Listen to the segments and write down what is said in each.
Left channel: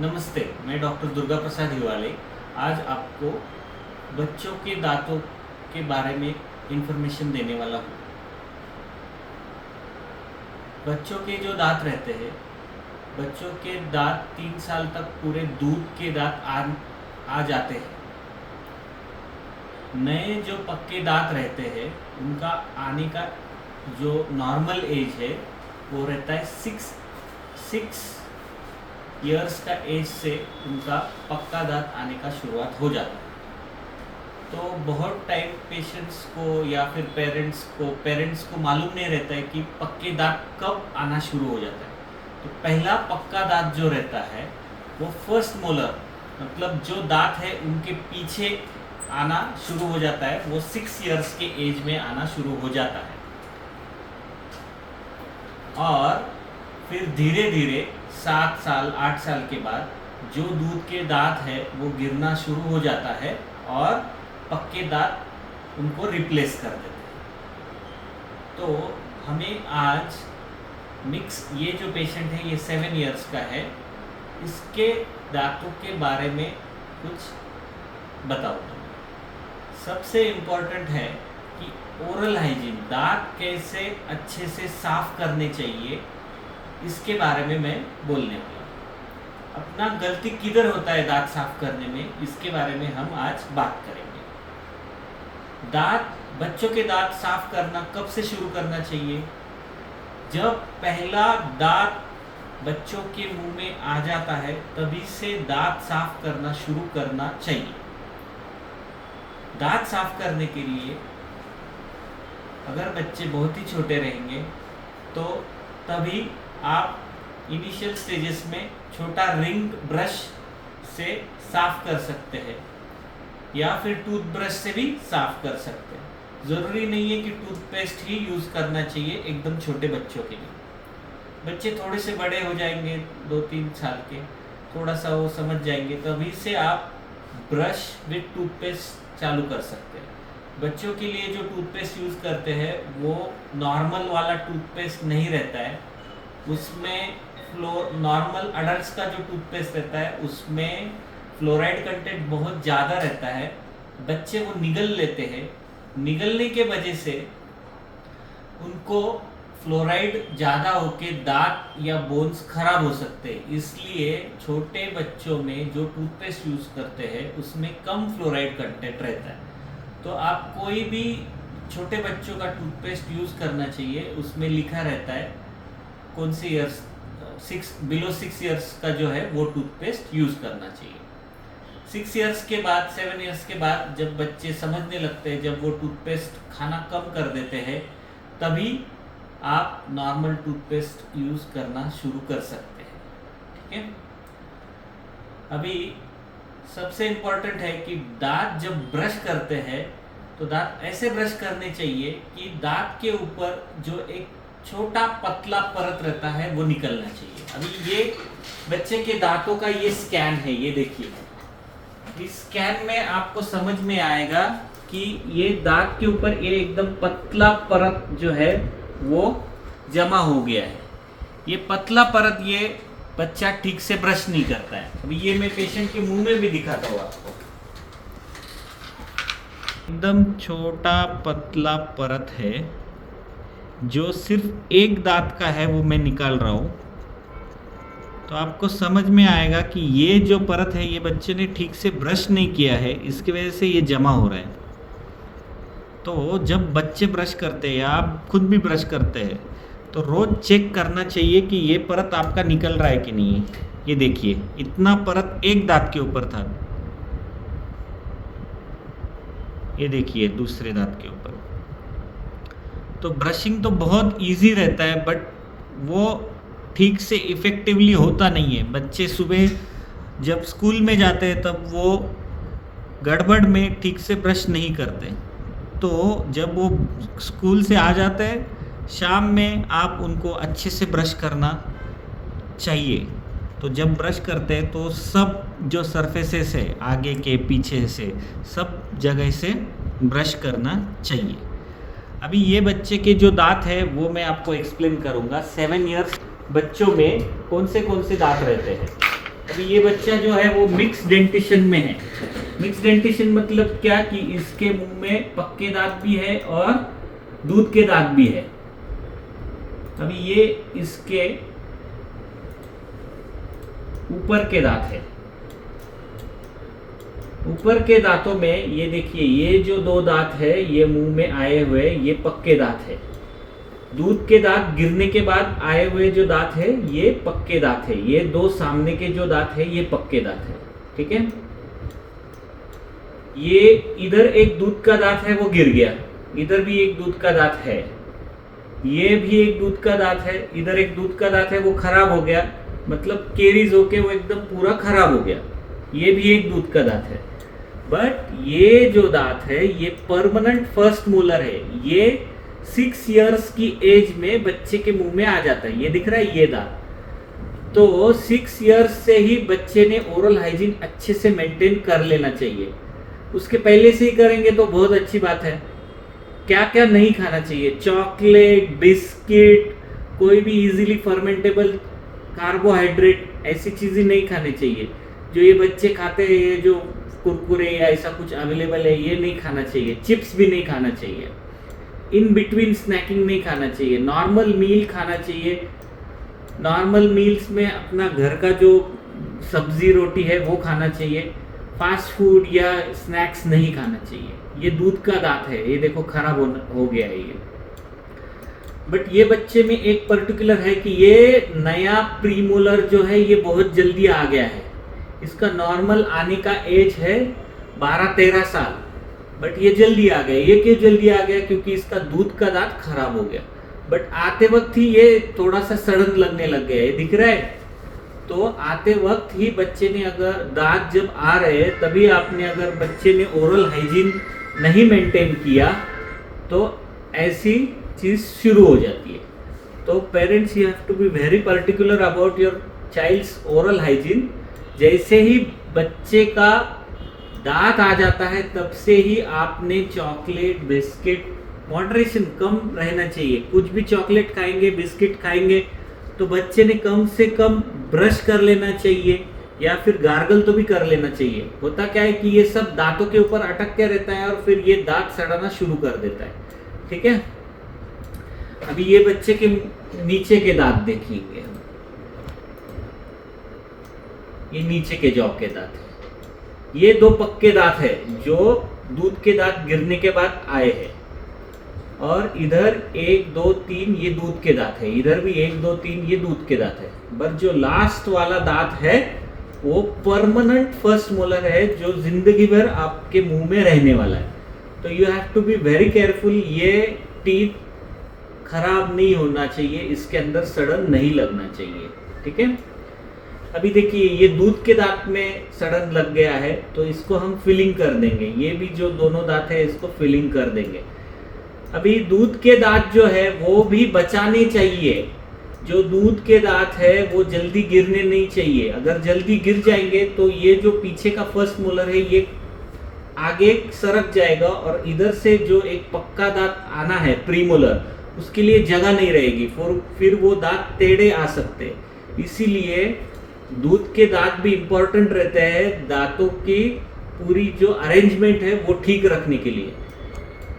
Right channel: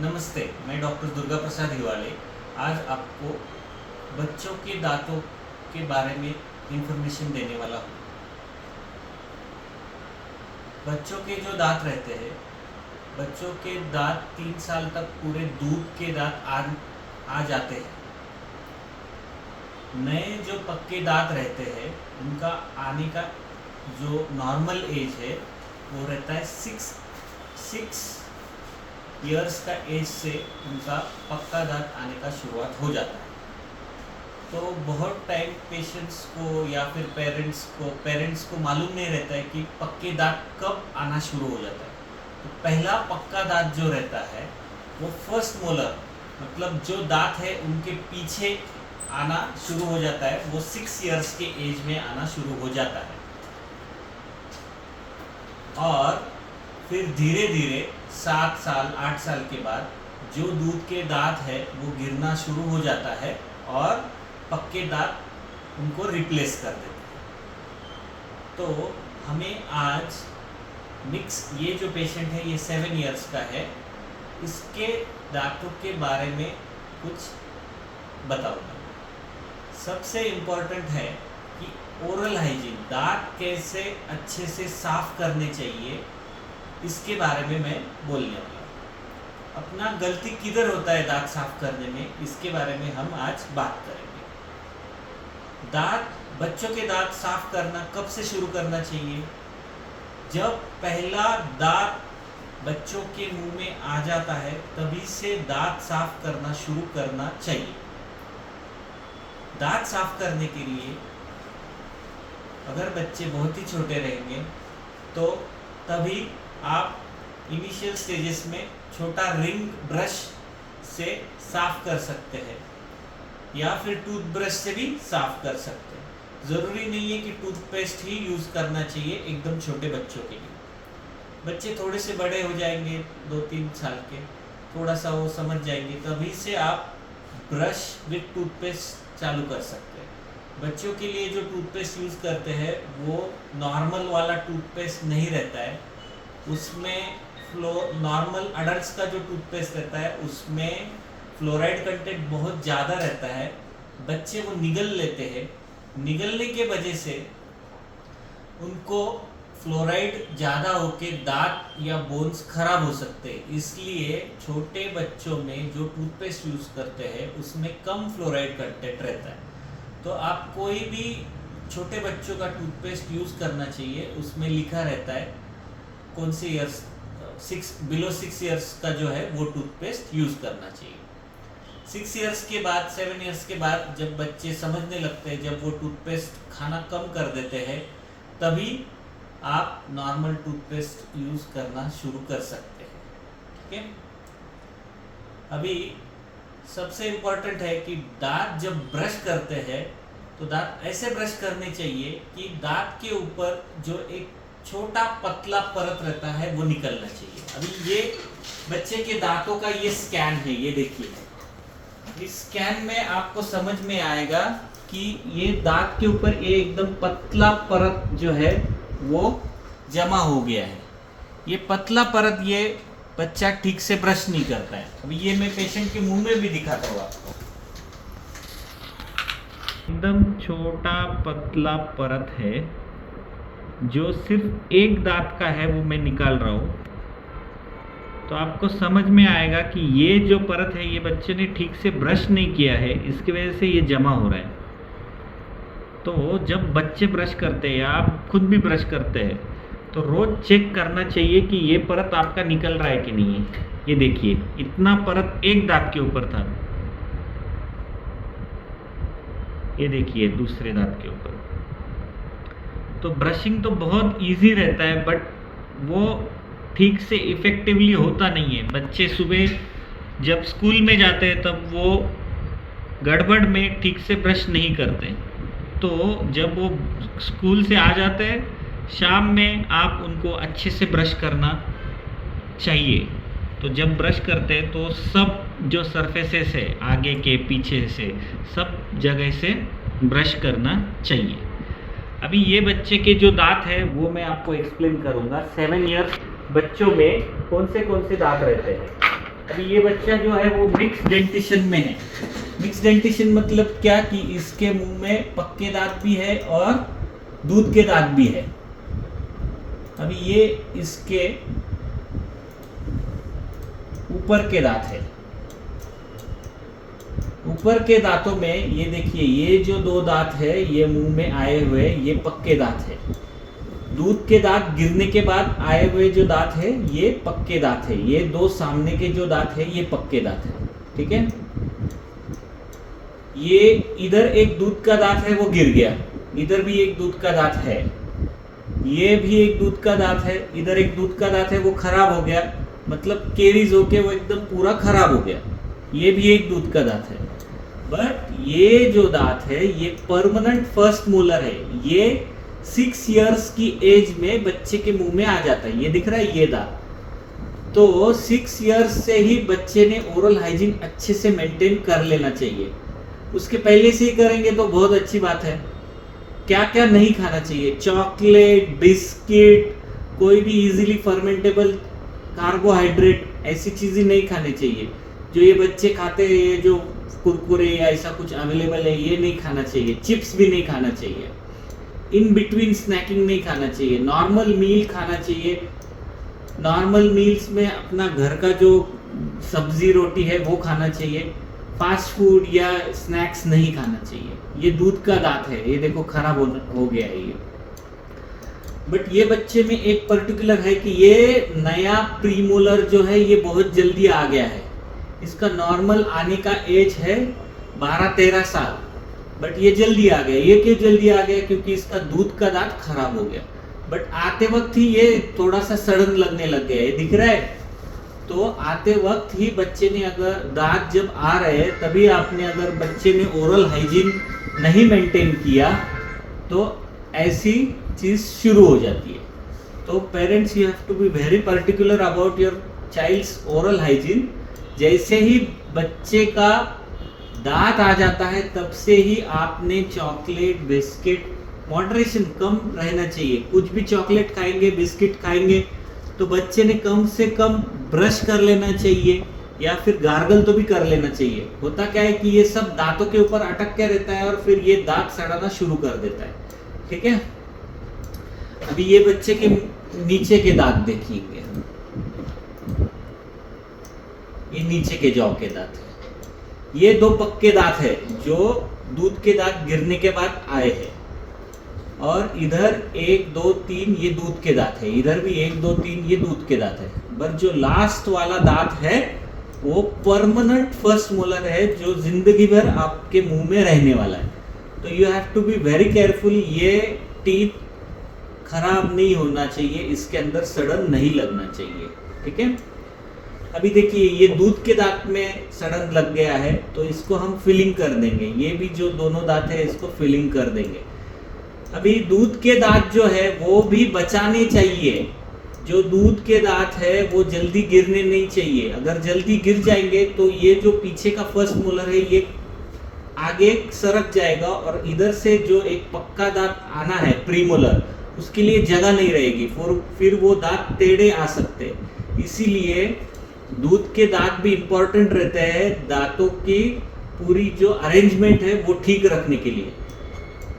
नमस्ते, मैं डॉक्टर दुर्गा प्रसाद हिवाले आज आपको बच्चों के दांतों के बारे में इंफॉर्मेशन देने वाला हूँ। बच्चों के जो दांत रहते हैं, बच्चों के दांत 3 साल तक पूरे दूध के दांत आ जाते हैं। नए जो पक्के दांत रहते हैं उनका आने का जो नॉर्मल एज है वो रहता है 6 ईयर्स का एज से उनका पक्का दांत आने का शुरुआत हो जाता है। तो बहुत टाइम पेशेंट्स को या फिर पेरेंट्स को मालूम नहीं रहता है कि पक्के दांत कब आना शुरू हो जाता है। तो पहला पक्का दांत जो रहता है वो फर्स्ट मोलर, मतलब जो दांत है उनके पीछे आना शुरू हो जाता है, वो 6 ईयर्स के एज में आना शुरू हो जाता है। और फिर धीरे धीरे 7 साल 8 साल के बाद जो दूध के दांत है वो गिरना शुरू हो जाता है और पक्के दांत उनको रिप्लेस कर देते हैं। तो हमें आज ये जो पेशेंट है ये 7 ईयर्स का है, इसके दांतों के बारे में कुछ बताऊंगा। सबसे इम्पोर्टेंट है कि ओरल हाइजीन, दांत कैसे अच्छे से साफ करने चाहिए, इसके बारे में मैं बोलने वाला हूँ। अपना गलती किधर होता है दांत साफ करने में, इसके बारे में हम आज बात करेंगे। बच्चों के दांत साफ करना कब से शुरू करना चाहिए? जब पहला दांत बच्चों के मुंह में आ जाता है तभी से दांत साफ करना शुरू करना चाहिए। दांत साफ करने के लिए अगर बच्चे बहुत ही छोटे रहेंगे तो तभी आप इनिशियल स्टेजेस में छोटा रिंग ब्रश से साफ कर सकते हैं या फिर टूथब्रश से भी साफ कर सकते हैं। ज़रूरी नहीं है कि टूथपेस्ट ही यूज़ करना चाहिए एकदम छोटे बच्चों के लिए। बच्चे थोड़े से बड़े हो जाएंगे, 2-3 साल के, थोड़ा सा वो समझ जाएंगे, तभी से आप ब्रश विथ टूथपेस्ट चालू कर सकते हैं। बच्चों के लिए जो टूथपेस्ट यूज़ करते हैं वो नॉर्मल वाला टूथपेस्ट नहीं रहता है, उसमें नॉर्मल अडल्ट्स का जो टूथपेस्ट रहता है उसमें फ्लोराइड कंटेंट बहुत ज़्यादा रहता है। बच्चे वो निगल लेते हैं, निगलने के वजह से उनको फ्लोराइड ज़्यादा होके दांत या बोन्स खराब हो सकते हैं। इसलिए छोटे बच्चों में जो टूथपेस्ट यूज़ करते हैं उसमें कम फ्लोराइड कंटेंट रहता है। तो आप कोई भी छोटे बच्चों का टूथपेस्ट यूज़ करना चाहिए, उसमें लिखा रहता है कौन से ईयर्स, बिलो 6 ईयर्स का जो है वो टूथपेस्ट यूज़ करना चाहिए। 6 ईयर्स के बाद, 7 ईयर्स के बाद जब बच्चे समझने लगते हैं, जब वो टूथपेस्ट खाना कम कर देते हैं, तभी आप नॉर्मल टूथपेस्ट यूज़ करना शुरू कर सकते हैं। ठीक है। अभी सबसे इम्पोर्टेंट है कि दांत जब ब्रश करते हैं तो दांत ऐसे ब्रश करने चाहिए कि दांत के ऊपर जो एक छोटा पतला परत रहता है वो निकलना चाहिए। अभी ये बच्चे के दांतों का ये स्कैन है, ये देखिए। इस स्कैन में आपको समझ में आएगा कि ये दांत के ऊपर ये एकदम पतला परत जो है वो जमा हो गया है। ये पतला परत ये बच्चा ठीक से ब्रश नहीं करता है। अभी ये मैं पेशेंट के मुंह में भी दिखाता हूँ आपको। एकदम छोटा पतला परत है जो सिर्फ एक दांत का है, वो मैं निकाल रहा हूँ। तो आपको समझ में आएगा कि ये जो परत है ये बच्चे ने ठीक से ब्रश नहीं किया है, इसकी वजह से ये जमा हो रहा है। तो जब बच्चे ब्रश करते हैं या आप खुद भी ब्रश करते हैं तो रोज़ चेक करना चाहिए कि ये परत आपका निकल रहा है कि नहीं है। ये देखिए, इतना परत एक दांत के ऊपर था, ये देखिए दूसरे दांत के ऊपर। तो ब्रशिंग तो बहुत इजी रहता है बट वो ठीक से इफ़ेक्टिवली होता नहीं है। बच्चे सुबह जब स्कूल में जाते हैं तब वो गड़बड़ में ठीक से ब्रश नहीं करते, तो जब वो स्कूल से आ जाते हैं शाम में आप उनको अच्छे से ब्रश करना चाहिए। तो जब ब्रश करते हैं तो सब जो सरफेसेस है आगे के पीछे से सब जगह से ब्रश करना चाहिए। अभी ये बच्चे के जो दांत है वो मैं आपको एक्सप्लेन करूँगा। 7 ईयर्स बच्चों में कौन से दांत रहते हैं। अभी ये बच्चा जो है वो मिक्स डेंटिशन में है। मिक्स डेंटिशन मतलब क्या कि इसके मुंह में पक्के दांत भी है और दूध के दांत भी है। अभी ये इसके ऊपर के दांत है। ऊपर के दांतों में ये देखिए, ये जो दो दांत है ये मुंह में आए हुए ये पक्के दांत है। दूध के दांत गिरने के बाद आए हुए जो दांत है ये पक्के दांत है। ये दो सामने के जो दांत है ये पक्के दांत है। ठीक है, ये इधर एक दूध का दांत है वो गिर गया, इधर भी एक दूध का दांत है, ये भी एक दूध का दांत है, इधर एक दूध का दांत है वो खराब हो गया, मतलब केरीज होके वो एकदम पूरा खराब हो गया। ये भी एक दूध का दांत है। बट ये जो दांत है ये परमानेंट फर्स्ट मोलर है। ये 6 इयर्स की एज में बच्चे के मुंह में आ जाता है। ये दिख रहा है ये दांत। तो 6 इयर्स से ही बच्चे ने ओरल हाइजीन अच्छे से मेंटेन कर लेना चाहिए। उसके पहले से ही करेंगे तो बहुत अच्छी बात है। क्या क्या नहीं खाना चाहिए? चॉकलेट, बिस्किट, कोई भी इजीली फर्मेंटेबल कार्बोहाइड्रेट, ऐसी चीजें नहीं खानी चाहिए। जो ये बच्चे खाते हैं, ये जो कुरकुरे या ऐसा कुछ अवेलेबल है, ये नहीं खाना चाहिए। चिप्स भी नहीं खाना चाहिए। इन बिटवीन स्नैकिंग नहीं खाना चाहिए। नॉर्मल मील खाना चाहिए। नॉर्मल मील्स में अपना घर का जो सब्जी रोटी है वो खाना चाहिए। फास्ट फूड या स्नैक्स नहीं खाना चाहिए। ये दूध का दांत है, ये देखो खराब हो गया है ये। बट ये बच्चे में एक पर्टिकुलर है कि ये नया प्रीमोलर जो है ये बहुत जल्दी आ गया है। इसका नॉर्मल आने का एज है 12-13 साल, बट ये जल्दी आ गया। ये क्यों जल्दी आ गया? क्योंकि इसका दूध का दांत खराब हो गया। बट आते वक्त ही ये थोड़ा सा सड़न लगने लग गया है, दिख रहा है? तो आते वक्त ही बच्चे ने, अगर दांत जब आ रहे हैं तभी आपने, अगर बच्चे ने ओरल हाइजीन नहीं मेंटेन किया तो ऐसी चीज शुरू हो जाती है। तो parents you have to be very particular about your child's oral hygiene. जैसे ही बच्चे का दांत आ जाता है तब से ही आपने चॉकलेट, बिस्किट, मॉडरेशन कम रहना चाहिए। कुछ भी चॉकलेट खाएंगे, बिस्किट खाएंगे तो बच्चे ने कम से कम ब्रश कर लेना चाहिए या फिर गार्गल तो भी कर लेना चाहिए। होता क्या है कि ये सब दांतों के ऊपर अटक के रहता है और फिर ये दांत सड़ाना शुरू कर देता है। ठीक है, अभी ये बच्चे के नीचे के दांत देखेंगे, ये नीचे के जॉ के दांत है। ये दो पक्के दांत है जो दूध के दांत गिरने के बाद आए हैं। और इधर 1, 2, 3 ये दूध के दांत है, इधर भी 1, 2, 3 ये दूध के दांत है। बट जो लास्ट वाला दांत है वो परमानेंट फर्स्ट मोलर है जो जिंदगी भर आपके मुंह में रहने वाला है। तो you have to be very careful. ये टीथ खराब नहीं होना चाहिए, इसके अंदर सड़न नहीं लगना चाहिए। ठीक है, अभी देखिए ये दूध के दांत में सड़न लग गया है तो इसको हम फिलिंग कर देंगे। ये भी जो दोनों दांत है इसको फिलिंग कर देंगे। अभी दूध के दांत जो है वो भी बचाने चाहिए। जो दूध के दांत है वो जल्दी गिरने नहीं चाहिए। अगर जल्दी गिर जाएंगे तो ये जो पीछे का फर्स्ट मोलर है ये आगे सरक जाएगा और इधर से जो एक पक्का दांत आना है प्रीमोलर, उसके लिए जगह नहीं रहेगी, फिर वो दांत टेढ़े आ सकते हैं। इसीलिए दूध के दांत भी इम्पोर्टेंट रहते हैं दांतों की पूरी जो अरेंजमेंट है वो ठीक रखने के लिए।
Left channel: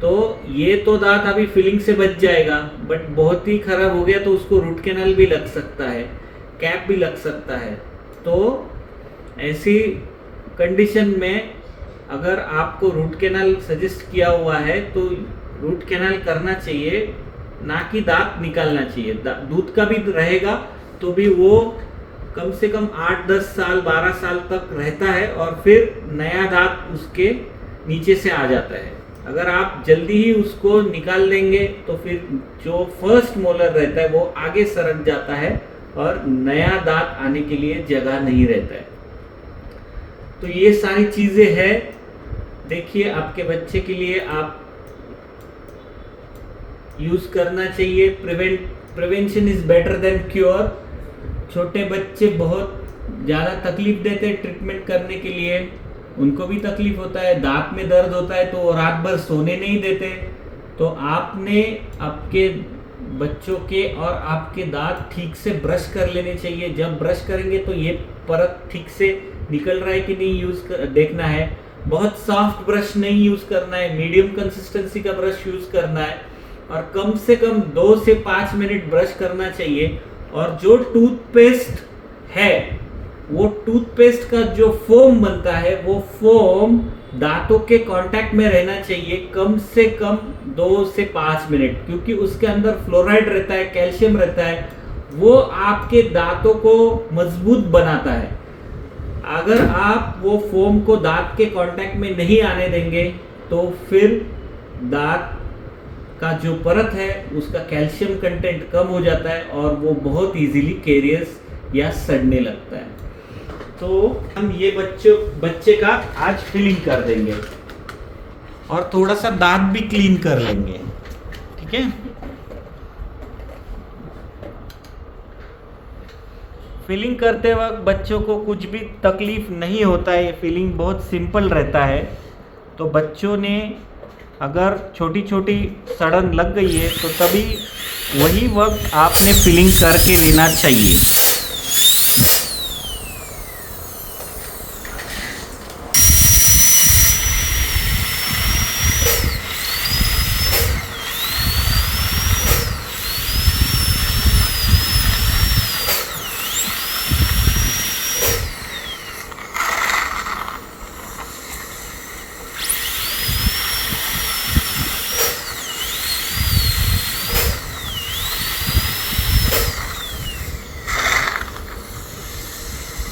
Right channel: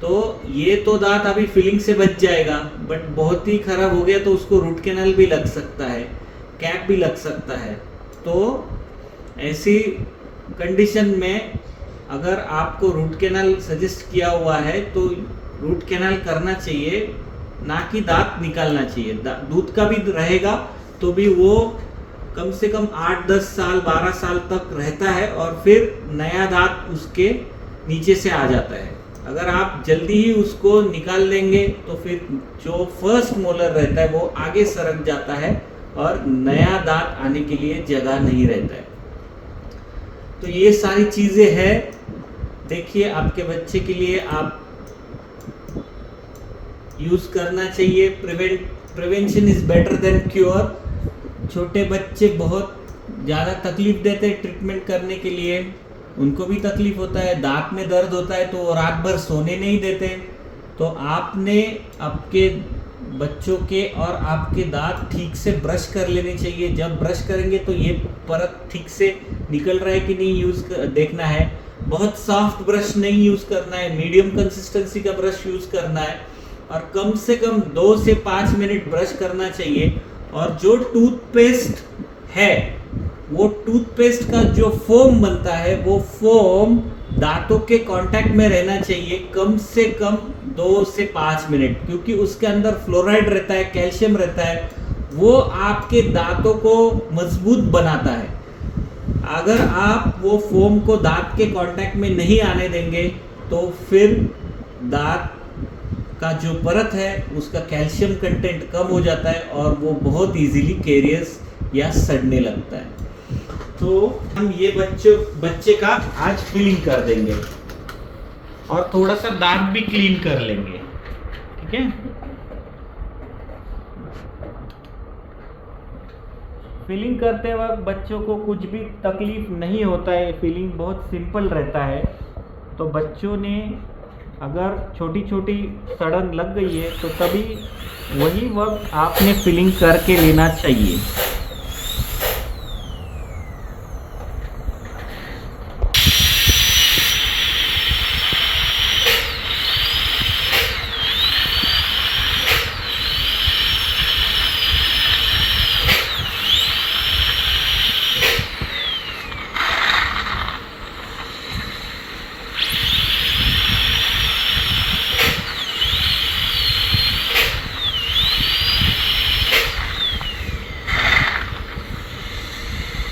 तो ये तो दांत अभी फिलिंग से बच जाएगा, बट बहुत ही खराब हो गया तो उसको रूट कैनाल भी लग सकता है, कैप भी लग सकता है। तो ऐसी कंडीशन में अगर आपको रूट कैनाल सजेस्ट किया हुआ है तो रूट कैनाल करना चाहिए, ना कि दांत निकालना चाहिए। दूध का भी रहेगा तो भी वो कम से कम 8, 10 साल, 12 साल तक रहता है और फिर नया दांत उसके नीचे से आ जाता है। अगर आप जल्दी ही उसको निकाल लेंगे तो फिर जो फर्स्ट मोलर रहता है वो आगे सरक जाता है और नया दांत आने के लिए जगह नहीं रहता है। तो ये सारी चीजें हैं। देखिए आपके बच्चे के लिए आप यूज करना चाहिए। Prevention is better than cure. छोटे बच्चे बहुत ज़्यादा तकलीफ देते हैं ट्रीटमेंट करने के लिए, उनको भी तकलीफ होता है, दांत में दर्द होता है तो रात भर सोने नहीं देते। तो आपने आपके बच्चों के और आपके दांत ठीक से ब्रश कर लेने चाहिए। जब ब्रश करेंगे तो ये परत ठीक से निकल रहा है कि नहीं देखना है। बहुत सॉफ्ट ब्रश नहीं यूज़ करना है, मीडियम कंसिस्टेंसी का ब्रश यूज़ करना है और कम से कम 2 से 5 मिनट ब्रश करना चाहिए। और जो टूथपेस्ट है वो टूथपेस्ट का जो फोम बनता है वो फोम दांतों के कांटेक्ट में रहना चाहिए कम से कम 2 से 5 मिनट, क्योंकि उसके अंदर फ्लोराइड रहता है, कैल्शियम रहता है, वो आपके दांतों को मजबूत बनाता है। अगर आप वो फोम को दांत के कांटेक्ट में नहीं आने देंगे तो फिर दांत का जो परत है उसका कैल्शियम कंटेंट कम हो जाता है और वो बहुत इजीली कैरियस या सड़ने लगता है। तो हम ये बच्चे का आज फिलिंग कर देंगे और थोड़ा सा दांत भी क्लीन कर लेंगे, ठीक है। फिलिंग करते वक्त बच्चों को कुछ भी तकलीफ नहीं होता है, फिलिंग बहुत सिंपल रहता है। तो बच्चों ने अगर छोटी छोटी सड़न लग गई है तो तभी वही वक्त आपने फिलिंग करके लेना चाहिए।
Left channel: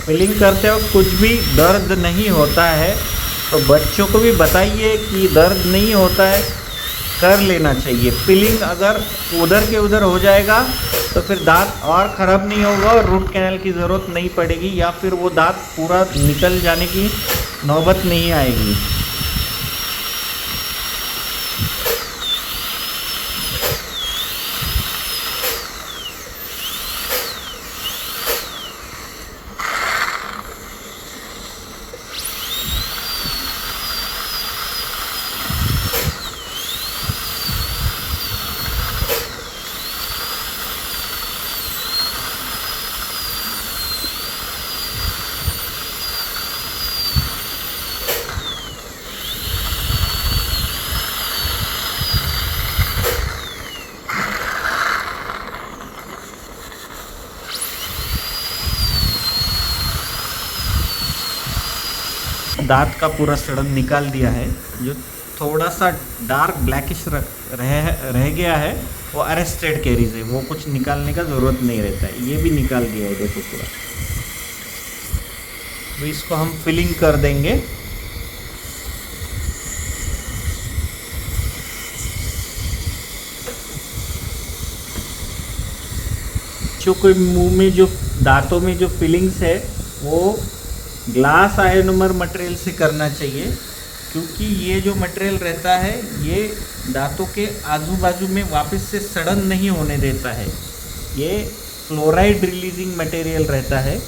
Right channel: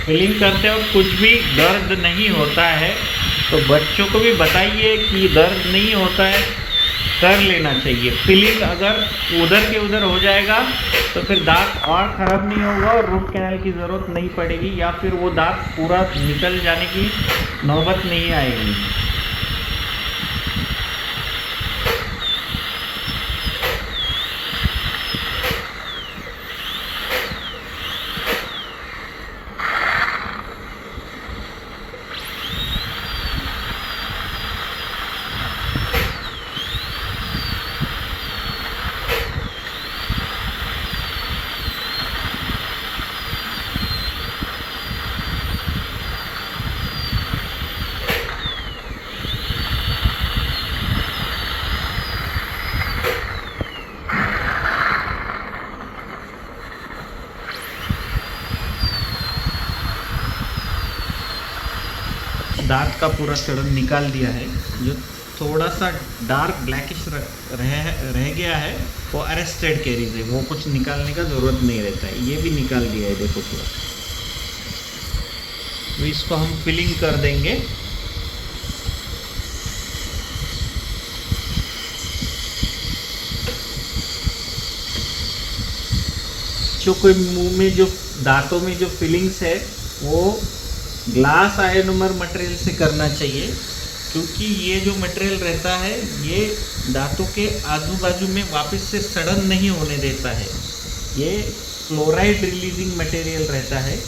फिलिंग करते वक्त कुछ भी दर्द नहीं होता है, तो बच्चों को भी बताइए कि दर्द नहीं होता है, कर लेना चाहिए। फिलिंग अगर उधर के उधर हो जाएगा तो फिर दांत और ख़राब नहीं होगा और रूट कैनाल की ज़रूरत नहीं पड़ेगी, या फिर वो दांत पूरा निकल जाने की नौबत नहीं आएगी। दांत का पूरा सड़न निकाल दिया है। जो थोड़ा सा डार्क ब्लैकिश रह गया है वो अरेस्टेड कैरीज है, वो कुछ निकालने का ज़रूरत नहीं रहता है। ये भी निकाल दिया है, देखो पूरा। तो इसको हम फिलिंग कर देंगे। जो कोई मुंह में जो दांतों में जो फिलिंग्स है वो ग्लास आयोनोमर मटेरियल से करना चाहिए, क्योंकि ये जो मटेरियल रहता है ये दांतों के आजू बाजू में वापस से सड़न नहीं होने देता है। ये क्लोराइड रिलीजिंग मटेरियल रहता है,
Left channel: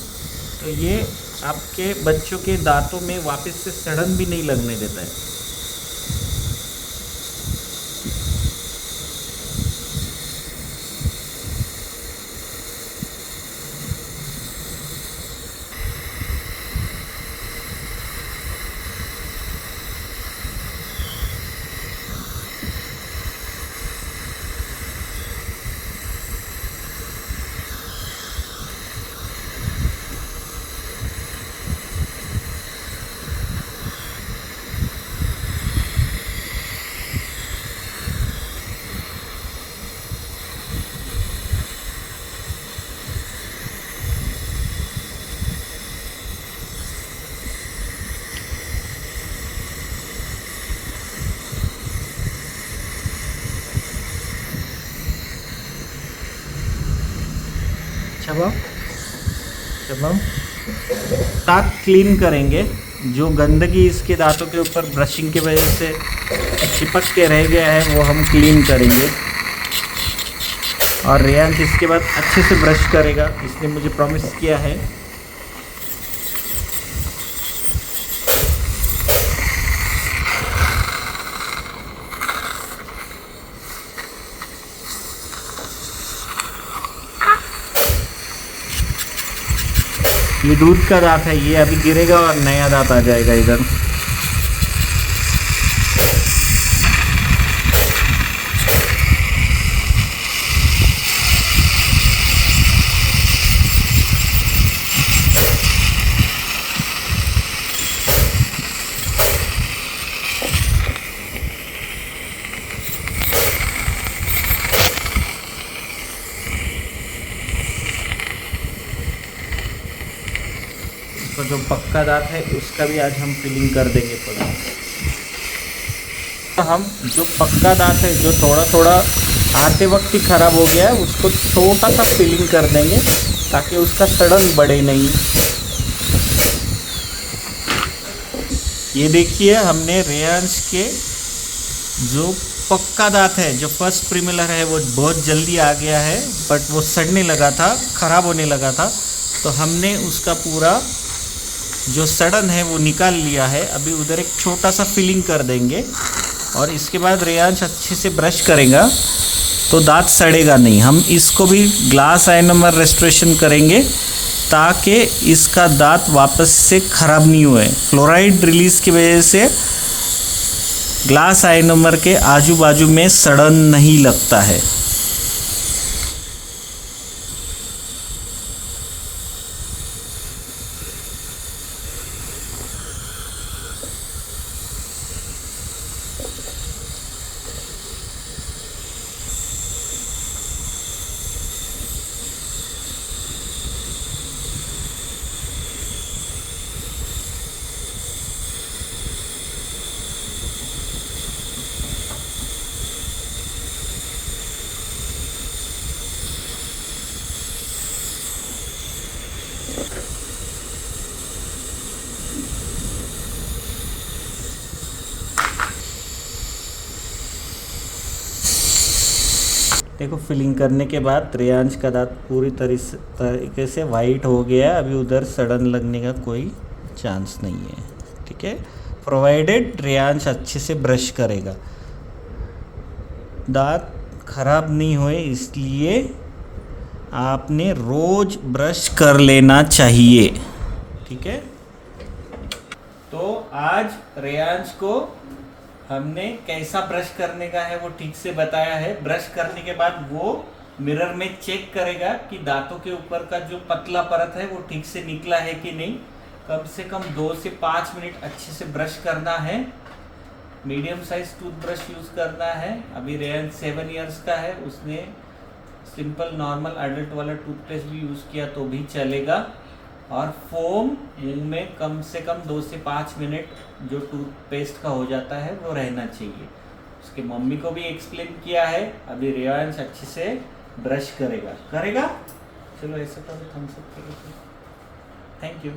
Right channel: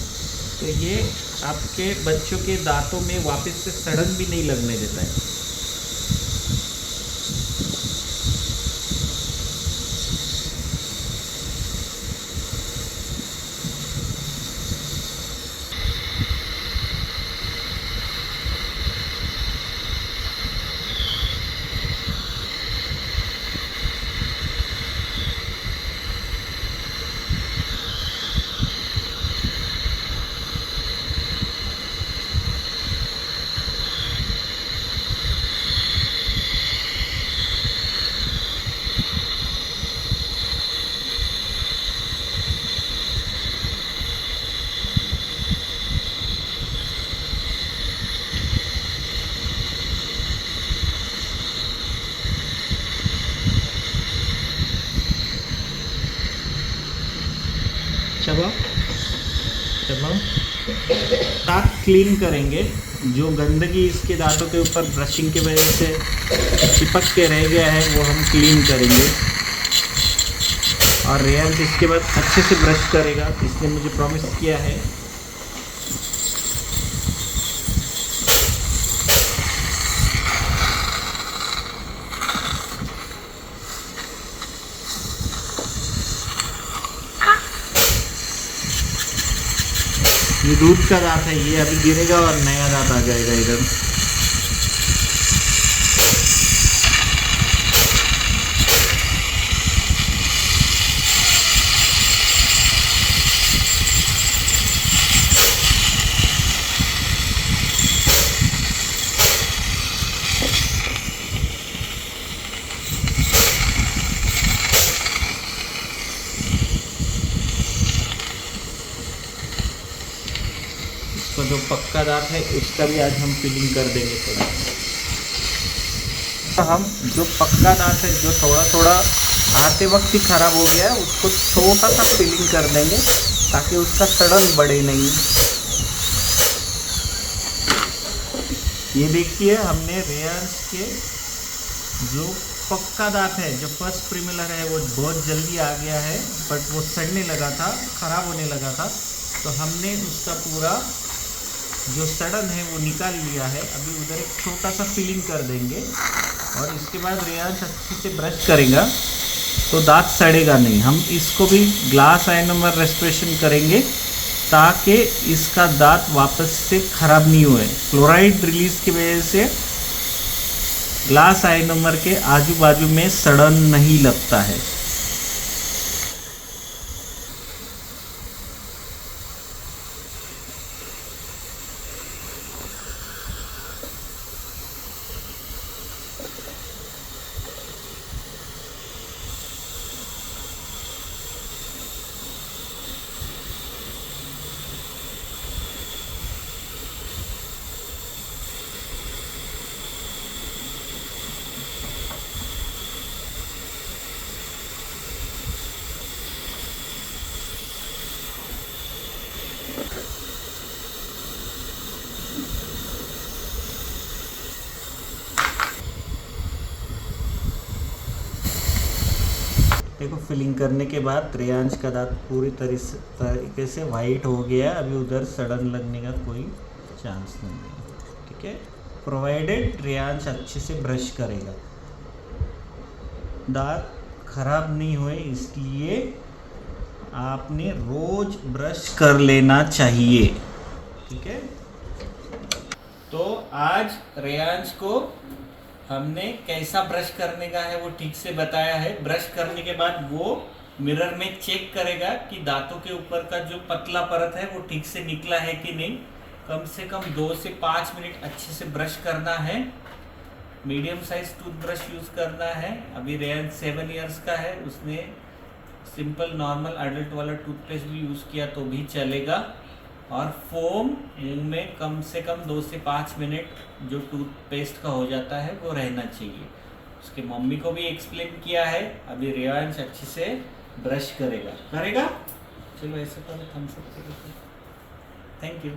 तो ये आपके बच्चों के दांतों में वापस से सड़न भी नहीं लगने देता है। चलो दांत क्लीन करेंगे। जो गंदगी इसके दांतों के ऊपर ब्रशिंग की वजह से चिपक के रह गया है वो हम क्लीन करेंगे। और रेयांश इसके बाद अच्छे से ब्रश करेगा, इसने मुझे प्रॉमिस किया है। ये दूध का दांत है, ये अभी गिरेगा और नया दांत आ जाएगा इधर। तो जो पक्का दांत है उसका भी आज हम फिलिंग कर देंगे थोड़ा। तो हम जो पक्का दांत है जो थोड़ा थोड़ा आते वक्त ही ख़राब हो गया है उसको छोटा सा फिलिंग कर देंगे ताकि उसका सड़न बढ़े नहीं। ये देखिए हमने रेयांश के जो पक्का दांत है जो फर्स्ट प्रीमिलर है वो बहुत जल्दी आ गया है, बट वो सड़ने लगा था, ख़राब होने लगा था, तो हमने उसका पूरा जो सड़न है वो निकाल लिया है। अभी उधर एक छोटा सा फिलिंग कर देंगे और इसके बाद रेयांश अच्छे से ब्रश करेगा तो दांत सड़ेगा नहीं। हम इसको भी ग्लास आइनोमर रेस्टोरेशन करेंगे ताकि इसका दांत वापस से ख़राब नहीं हुए। फ्लोराइड रिलीज़ की वजह से ग्लास आइनोमर के आजू बाजू में सड़न नहीं लगता है। देखो फिलिंग करने के बाद रेयांश का दांत पूरी तरीके से वाइट हो गया है। अभी उधर सड़न लगने का कोई चांस नहीं है, ठीक है, प्रोवाइडेड रेयांश अच्छे से ब्रश करेगा। दांत खराब नहीं हुए इसलिए आपने रोज ब्रश कर लेना चाहिए, ठीक है। तो आज रेयांश को हमने कैसा ब्रश करने का है वो ठीक से बताया है। ब्रश करने के बाद वो मिरर में चेक करेगा कि दांतों के ऊपर का जो पतला परत है वो ठीक से निकला है कि नहीं। कम से कम 2 से 5 मिनट अच्छे से ब्रश करना है। मीडियम साइज टूथब्रश यूज़ करना है। अभी रेयांश 7 इयर्स का है, उसने सिंपल नॉर्मल एडल्ट वाला टूथपेस्ट भी यूज़ किया तो भी चलेगा। और फोम मुंह में कम से कम 2 से 5 मिनट जो टूथपेस्ट का हो जाता है वो रहना चाहिए। उसके मम्मी को भी एक्सप्लेन किया है। अभी रेयांश अच्छे से ब्रश करेगा। चलो ऐसे करो, थम्स अप करो। Thank you.